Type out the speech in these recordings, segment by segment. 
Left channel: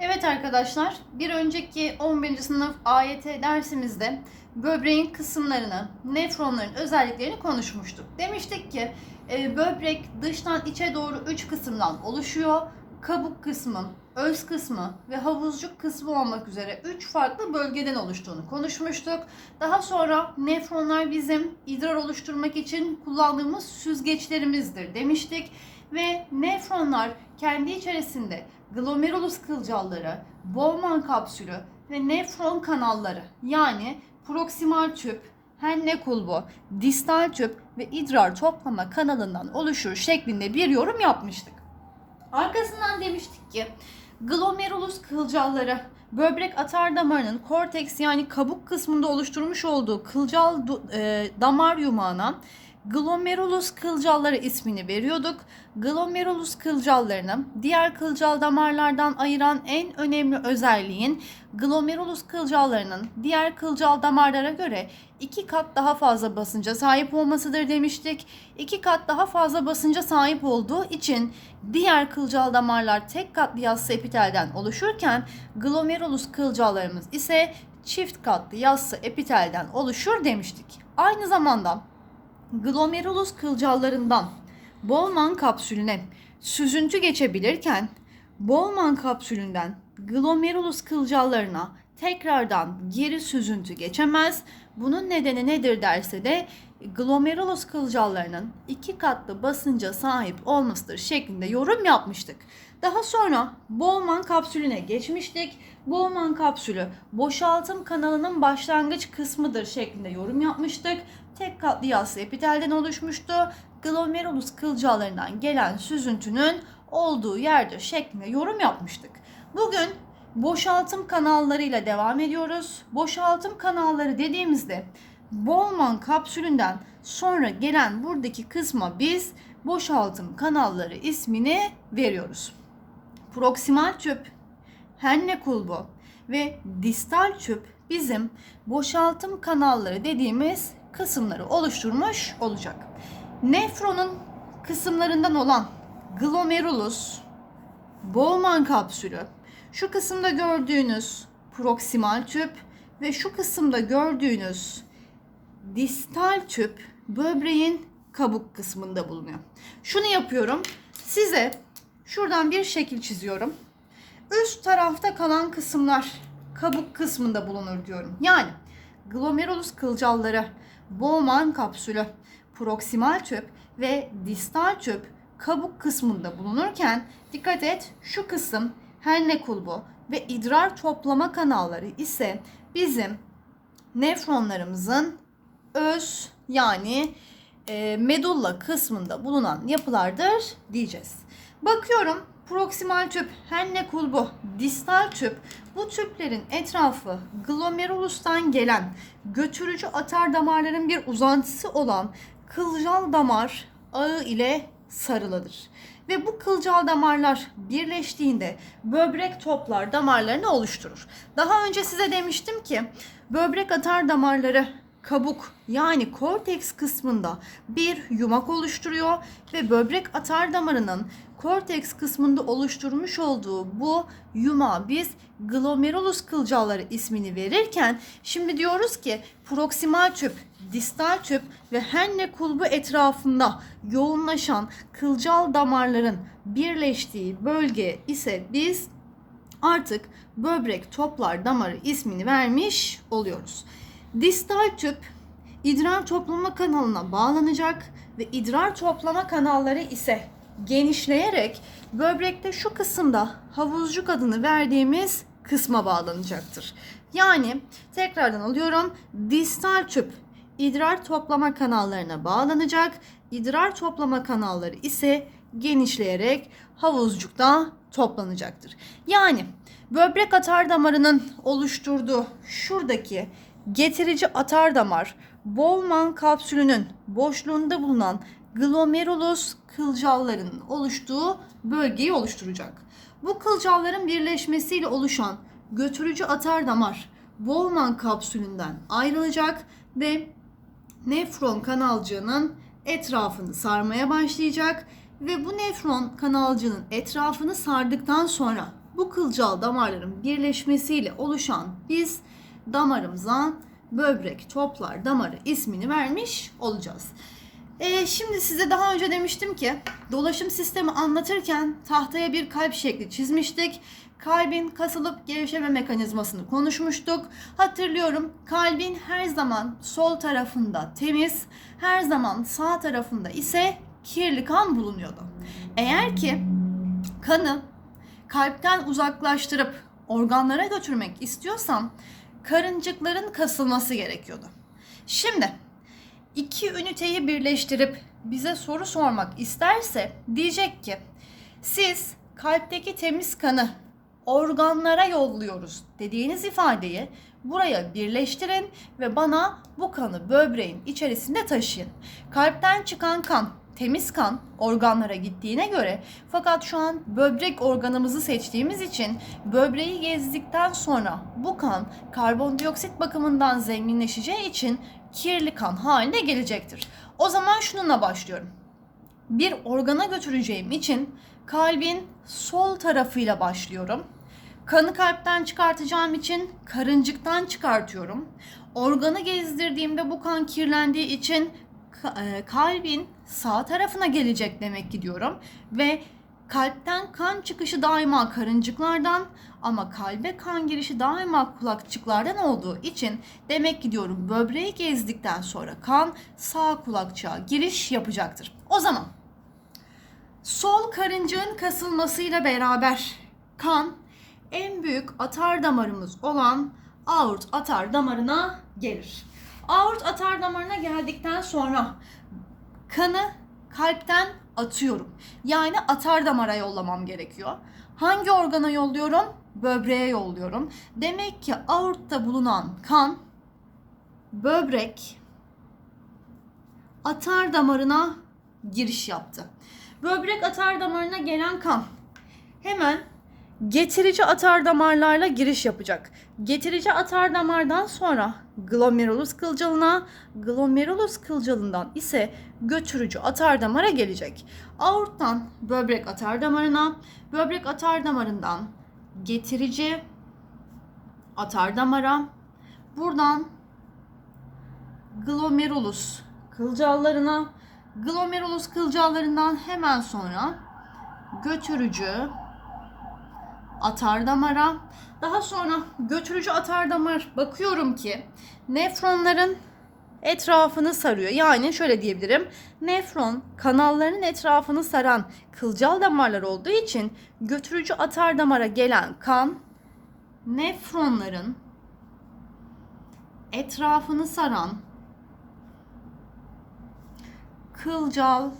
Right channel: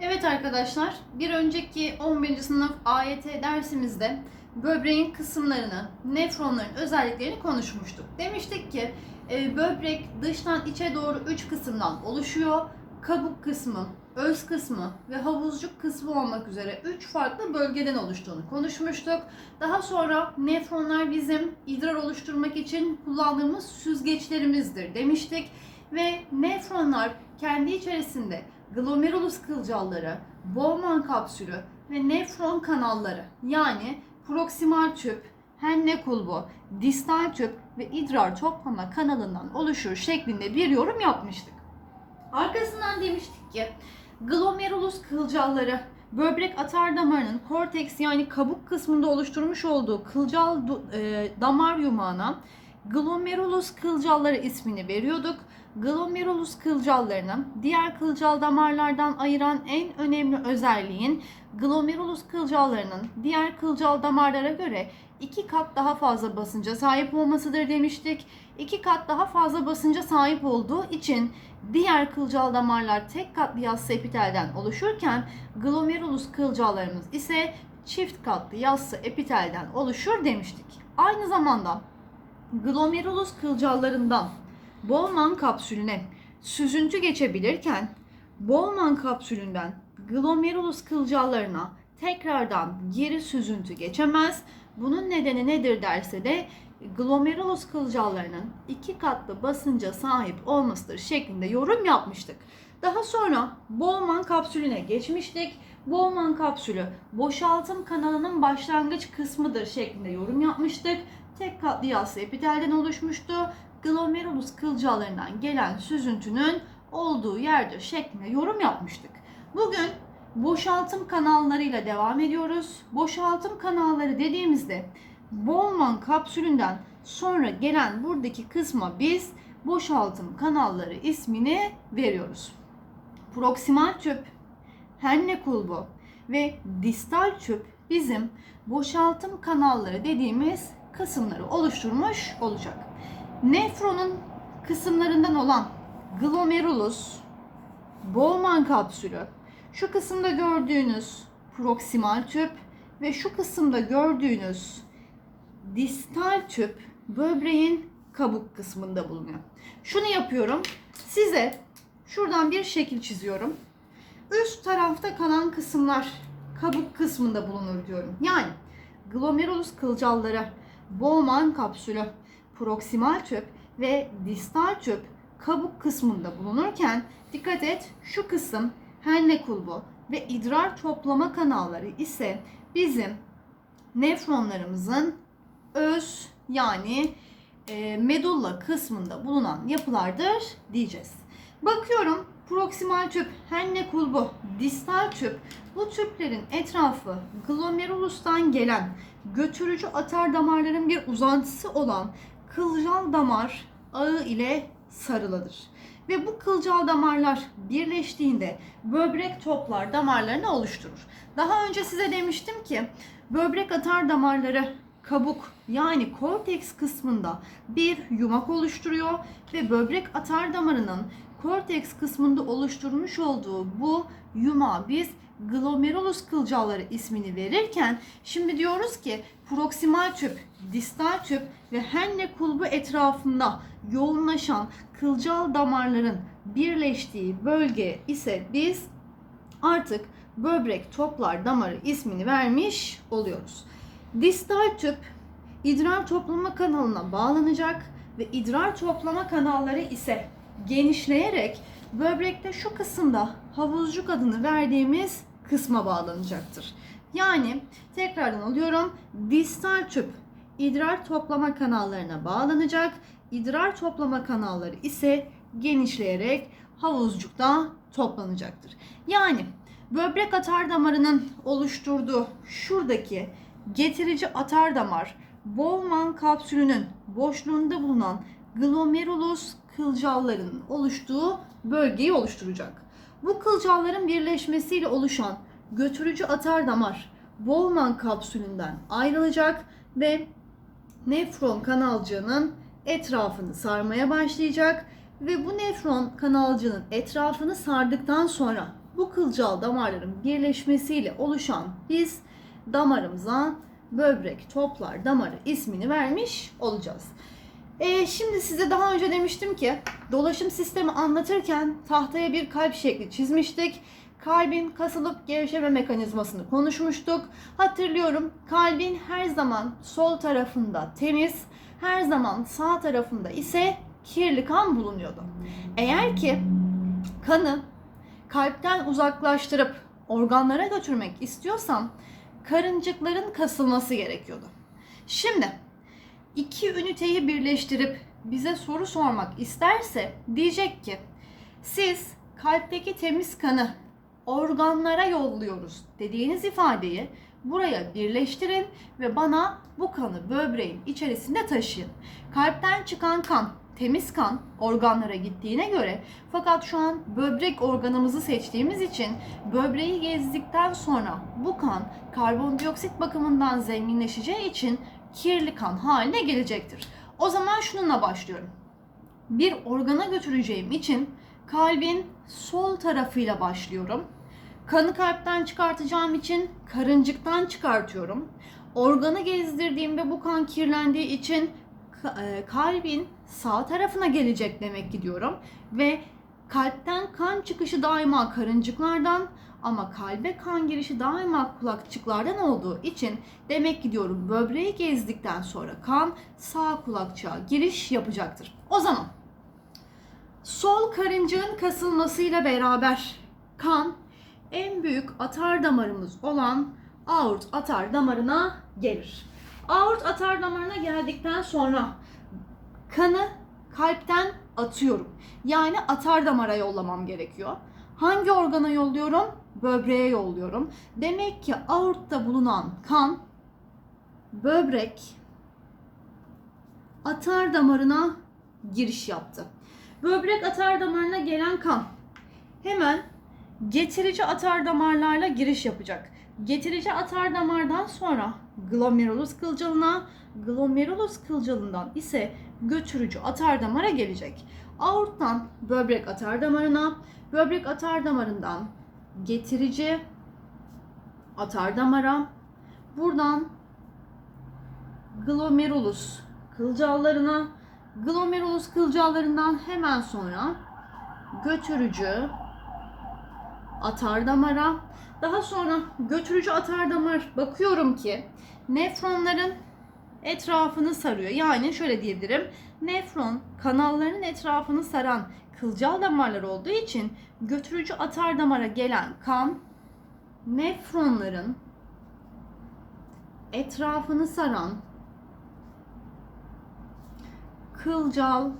Evet arkadaşlar, bir önceki 11. sınıf AYT dersimizde böbreğin kısımlarını, nefronların özelliklerini konuşmuştuk. Demiştik ki e, böbrek dıştan içe doğru 3 kısımdan oluşuyor. Kabuk kısmı, öz kısmı ve havuzcuk kısmı olmak üzere 3 farklı bölgeden oluştuğunu konuşmuştuk. Daha sonra nefronlar bizim idrar oluşturmak için kullandığımız süzgeçlerimizdir demiştik. Ve nefronlar kendi içerisinde glomerulus kılcalları, Bowman kapsülü ve nefron kanalları yani proksimal tüp, henne kulbu, distal tüp ve idrar toplama kanalından oluşur şeklinde bir yorum yapmıştık. Arkasından demiştik ki glomerulus kılcalları böbrek atar damarının korteks yani kabuk kısmında oluşturmuş olduğu kılcal e, damar yumağına glomerulus kılcalları ismini veriyorduk. Glomerulus kılcallarını diğer kılcal damarlardan ayıran en önemli özelliğin glomerulus kılcallarının diğer kılcal damarlara göre iki kat daha fazla basınca sahip olmasıdır demiştik. İki kat daha fazla basınca sahip olduğu için diğer kılcal damarlar tek katlı yassı epitelden oluşurken glomerulus kılcallarımız ise çift katlı yassı epitelden oluşur demiştik. Aynı zamanda glomerulus kılcallarından Bowman kapsülüne süzüntü geçebilirken Bowman kapsülünden glomerulus kılcallarına tekrardan geri süzüntü geçemez. Bunun nedeni nedir derse de glomerulus kılcallarının iki katlı basınca sahip olmasıdır şeklinde yorum yapmıştık. Daha sonra Bowman kapsülüne geçmiştik. Bowman kapsülü boşaltım kanalının başlangıç kısmıdır şeklinde yorum yapmıştık. Tek katlı yassı epitelden oluşmuştu. Glomerulus kılcallarından gelen süzüntünün olduğu yerdir şeklinde yorum yapmıştık. Bugün boşaltım kanallarıyla devam ediyoruz. Boşaltım kanalları dediğimizde Bowman kapsülünden sonra gelen buradaki kısma biz boşaltım kanalları ismini veriyoruz. Proksimal tüp, henne kulbu ve distal tüp bizim boşaltım kanalları dediğimiz kısımları oluşturmuş olacak. Nefronun kısımlarından olan glomerulus, Bowman kapsülü, şu kısımda gördüğünüz proksimal tüp ve şu kısımda gördüğünüz distal tüp böbreğin kabuk kısmında bulunuyor. Şunu yapıyorum. Size şuradan bir şekil çiziyorum. Üst tarafta kalan kısımlar kabuk kısmında bulunur diyorum. Yani glomerulus kılcalları, Bowman kapsülü, proksimal tüp ve distal tüp kabuk kısmında bulunurken dikkat et şu kısım henne kulbu ve idrar toplama kanalları ise bizim nefronlarımızın öz yani e, medulla kısmında bulunan yapılardır diyeceğiz. Bakıyorum proksimal tüp, henne kulbu, distal tüp bu tüplerin etrafı glomerulustan gelen götürücü atar damarların bir uzantısı olan kılcal damar ağı ile sarılıdır. Ve bu kılcal damarlar birleştiğinde böbrek toplar damarlarını oluşturur. Daha önce size demiştim ki böbrek atar damarları kabuk yani korteks kısmında bir yumak oluşturuyor ve böbrek atar damarının korteks kısmında oluşturmuş olduğu bu yumağa biz glomerulus kılcalları ismini verirken şimdi diyoruz ki proksimal tüp, distal tüp ve henne kulbu etrafında yoğunlaşan kılcal damarların birleştiği bölge ise biz artık böbrek toplar damarı ismini vermiş oluyoruz. Distal tüp idrar toplama kanalına bağlanacak ve idrar toplama kanalları ise genişleyerek böbrekte şu kısımda havuzcuk adını verdiğimiz kısma bağlanacaktır. Yani tekrardan alıyorum. Distal tüp idrar toplama kanallarına bağlanacak. İdrar toplama kanalları ise genişleyerek havuzcukta toplanacaktır. Yani böbrek atar damarının oluşturduğu şuradaki getirici atar damar Bowman kapsülünün boşluğunda bulunan glomerulus kılcallarının oluştuğu bölgeyi oluşturacak. Bu kılcalların birleşmesiyle oluşan götürücü atar damar Bowman kapsülünden ayrılacak ve nefron kanalcığının etrafını sarmaya başlayacak ve bu nefron kanalcığının etrafını sardıktan sonra bu kılcal damarların birleşmesiyle oluşan biz damarımıza böbrek toplar damarı ismini vermiş olacağız. Ee, şimdi size daha önce demiştim ki dolaşım sistemi anlatırken tahtaya bir kalp şekli çizmiştik. Kalbin kasılıp gevşeme mekanizmasını konuşmuştuk. Hatırlıyorum kalbin her zaman sol tarafında temiz, her zaman sağ tarafında ise kirli kan bulunuyordu. Eğer ki kanı kalpten uzaklaştırıp organlara götürmek istiyorsam karıncıkların kasılması gerekiyordu. Şimdi iki üniteyi birleştirip bize soru sormak isterse diyecek ki siz kalpteki temiz kanı organlara yolluyoruz dediğiniz ifadeyi buraya birleştirin ve bana bu kanı böbreğin içerisinde taşıyın. Kalpten çıkan kan temiz kan organlara gittiğine göre fakat şu an böbrek organımızı seçtiğimiz için böbreği gezdikten sonra bu kan karbondioksit bakımından zenginleşeceği için kirli kan haline gelecektir. O zaman şununla başlıyorum. Bir organa götüreceğim için kalbin sol tarafıyla başlıyorum. Kanı kalpten çıkartacağım için karıncıktan çıkartıyorum. Organı gezdirdiğimde bu kan kirlendiği için e, kalbin sağ tarafına gelecek demek ki diyorum. Ve kalpten kan çıkışı daima karıncıklardan ama kalbe kan girişi daima kulakçıklardan olduğu için demek ki diyorum böbreği gezdikten sonra kan sağ kulakçığa giriş yapacaktır. O zaman sol karıncığın kasılmasıyla beraber kan en büyük atar damarımız olan aort atar damarına gelir. Aort atar damarına geldikten sonra kanı kalpten atıyorum. Yani atar damara yollamam gerekiyor. Hangi organa yolluyorum? Böbreğe yolluyorum. Demek ki aortta bulunan kan böbrek atar damarına giriş yaptı. Böbrek atar damarına gelen kan hemen getirici atar damarlarla giriş yapacak. Getirici atar damardan sonra glomerulus kılcalına, glomerulus kılcalından ise götürücü atar damara gelecek. Aorttan böbrek atar damarına, böbrek atar damarından getirici atar damara, buradan glomerulus kılcallarına, glomerulus kılcallarından hemen sonra götürücü atar damara. Daha sonra götürücü atar damar bakıyorum ki nefronların etrafını sarıyor. Yani şöyle diyebilirim. Nefron kanalların etrafını saran kılcal damarlar olduğu için götürücü atar damara gelen kan nefronların etrafını saran kılcal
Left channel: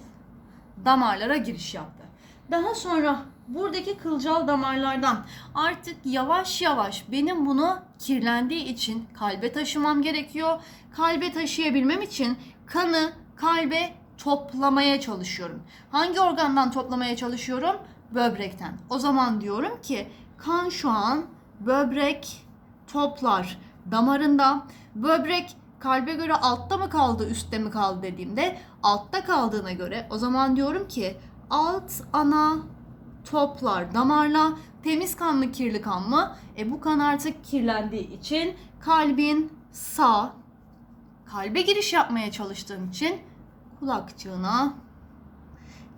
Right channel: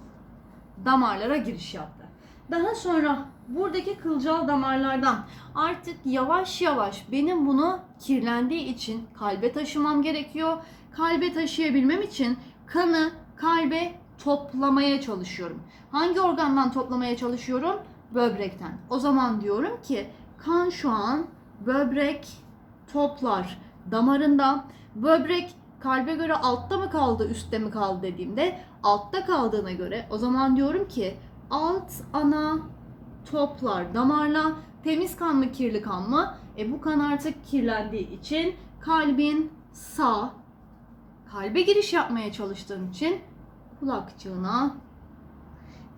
damarlara giriş yaptı. Daha sonra buradaki kılcal damarlardan artık yavaş yavaş benim bunu kirlendiği için kalbe taşımam gerekiyor. Kalbe taşıyabilmem için kanı kalbe toplamaya çalışıyorum. Hangi organdan toplamaya çalışıyorum? Böbrekten. O zaman diyorum ki kan şu an böbrek toplar damarında. Böbrek kalbe göre altta mı kaldı, üstte mi kaldı dediğimde altta kaldığına göre o zaman diyorum ki alt ana toplar damarla temiz kan mı kirli kan mı? E bu kan artık kirlendiği için kalbin sağ kalbe giriş yapmaya çalıştığım için kulakçığına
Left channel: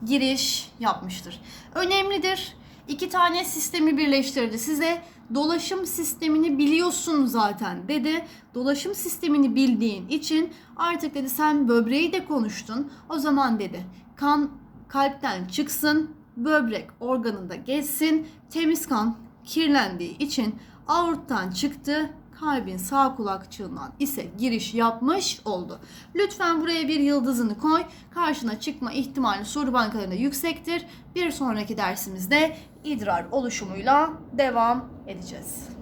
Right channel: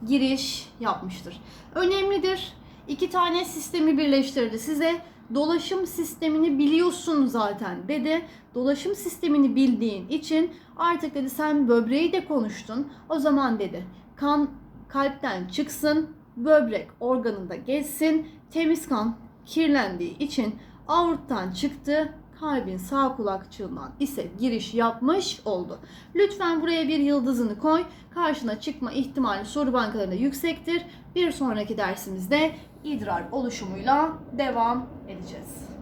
giriş yapmıştır. Önemlidir. İki tane sistemi birleştirdi. Size dolaşım sistemini biliyorsun zaten dedi. Dolaşım sistemini bildiğin için artık dedi sen böbreği de konuştun. O zaman dedi kan kalpten çıksın, böbrek organında geçsin, temiz kan kirlendiği için aorttan çıktı, kalbin sağ kulakçığından ise giriş yapmış oldu. Lütfen buraya bir yıldızını koy. Karşına çıkma ihtimali soru bankalarında yüksektir. Bir sonraki dersimizde idrar oluşumuyla devam edeceğiz.